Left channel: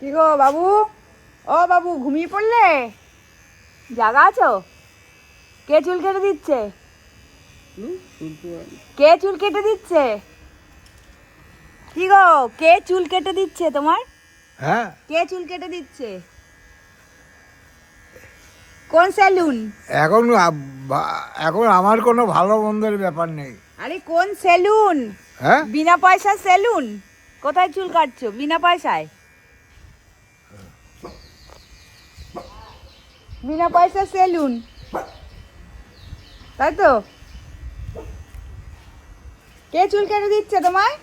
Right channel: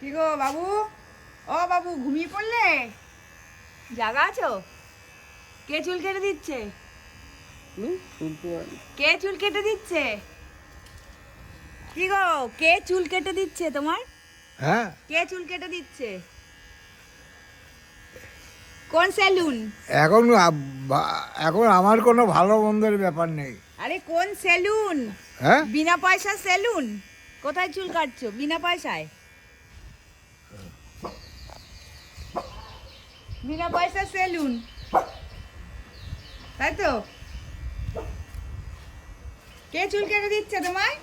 কি গো বাবু? ও বাবু ঘুমিয়ে পড়লে? জাগা আছো? কে চুল কেটে দিচ্ছে? কে চুল কেটে দিচ্ছে? কি গো কে চুল কেটে দিচ্ছে তোমার? হ্যাঁ। কে চুল কেটে দিচ্ছে? কোন সেলুন? এখন এখন আমার কোনো ভালো মন্দের ব্যাপার নেই। আরে কোন সেলুন? হ্যাঁ? বিনা পয়সা সেলুন? কোথায় চুল কাটছো? বিনা পয়সায়? বিনা পয়সা সেলুন। তাই তো? কে চুল কেটে দিচ্ছে তোমায়?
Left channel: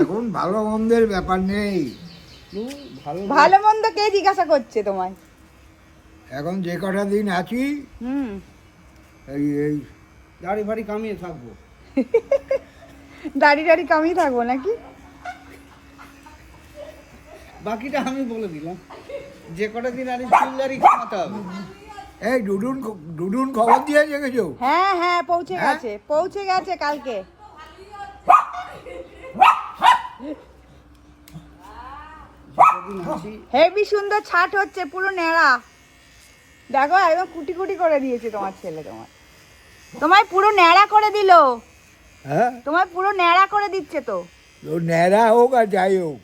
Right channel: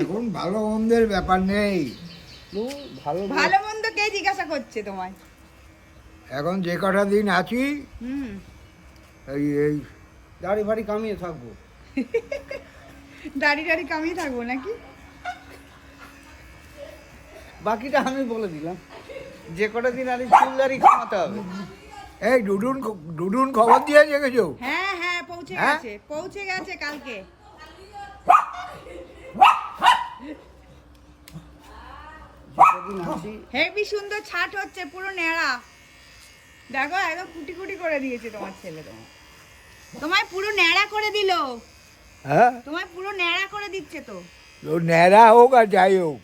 এখন ভালো মন্দের ব্যাপার নেই। ভালো ভালো মন্দ কে জিজ্ঞাসা করছে তোমায়? এখন যে কটা দিন আছি হুম। এই এই দাড়ি ফাড়ি কামিয়ে থাকব। দাড়ি টাড়ি কামিয়ে থাকব নাকি? বাকিটা আমি বলে দিলাম। যে কটা দিন আরে চুল দাড়ি কামাতে হবে। এই ডুডুন ডুডুন খবর দিয়েছে কিছু হ্যাঁ হ্যাঁ পৌঁছে হ্যাঁ? গেছে পৌঁছে গেছে কালকে। হেভি সুন্দর ছাট হচ্ছে পুরো ন্যাড়া। দেখো একদম কুটি কুটি করে দিয়েছে তোমার ছেলে তোমার। তোমায় পুরো ন্যাড়া করে দিল। হ্যাঁ? তোমায় পুরো ন্যাড়া করে দিচ্ছে তো। ও ন্যাড়া হোক আর যাই হোক।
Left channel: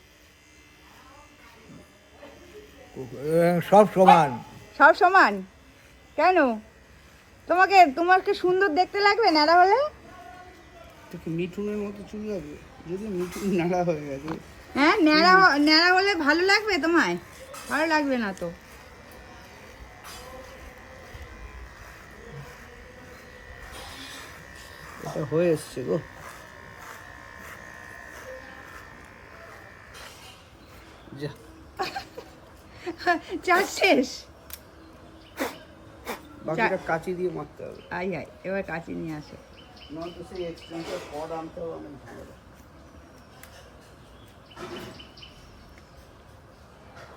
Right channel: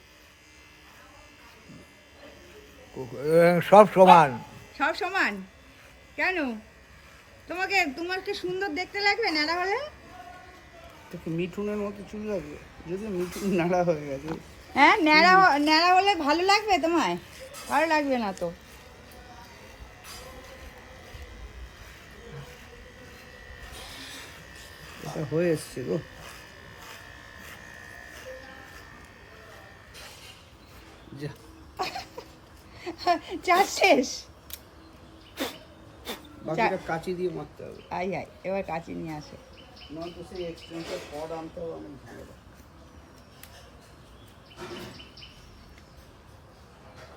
সব সমান। সব সমান? কেন? তোমাকে তোমাকে সুন্দর দেখতে লাগবে ন্যাড়া হলে? তোকে মিঠুনের মতো চুল লাগবে। যদি মিঠুন নাড়া হয়ে গেছে। হ্যাঁ ন্যাড়া ন্যাড়া হলে ভালো লাগবে তোমায়? ভালো লাগবে না তো। এটা হয়ে এসছে গো। যা। শেষ। বাকিটা কাচি দিয়ে মারতে হবে। আই আই এবার কাঁচি নিয়ে আসো। নয়তো সেই এক্সপেন্সের পড আনতে হবে অনেক ঝামেলা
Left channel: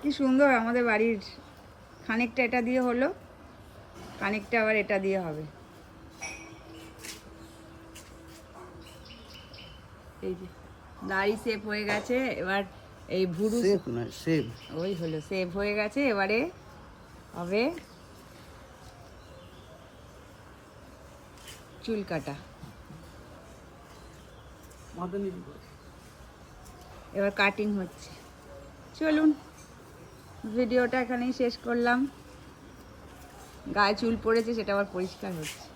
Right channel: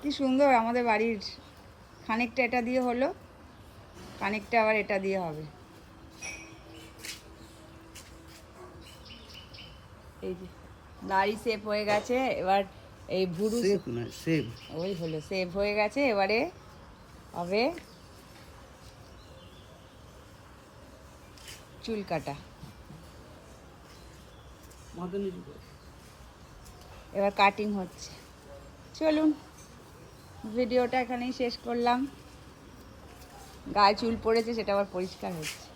কি সুন্দর আমাদের বাড়ির খানিকটা এটা দিয়ে হলো খানিকটা আবার এটা দিয়ে হবে। এই যে দাড়ি সেভ হয়ে গেছে এবার এই ভুরু সেফ না সেফ ওই হলো সেভ হয়ে গেছে এবারে হবে চুল কাটা। এবার কাটিং হচ্ছে। চলুন ভিডিওটা এখানেই শেষ করলাম। গায়ে চুল পড়েছে সেটা আবার পরিষ্কার হচ্ছে।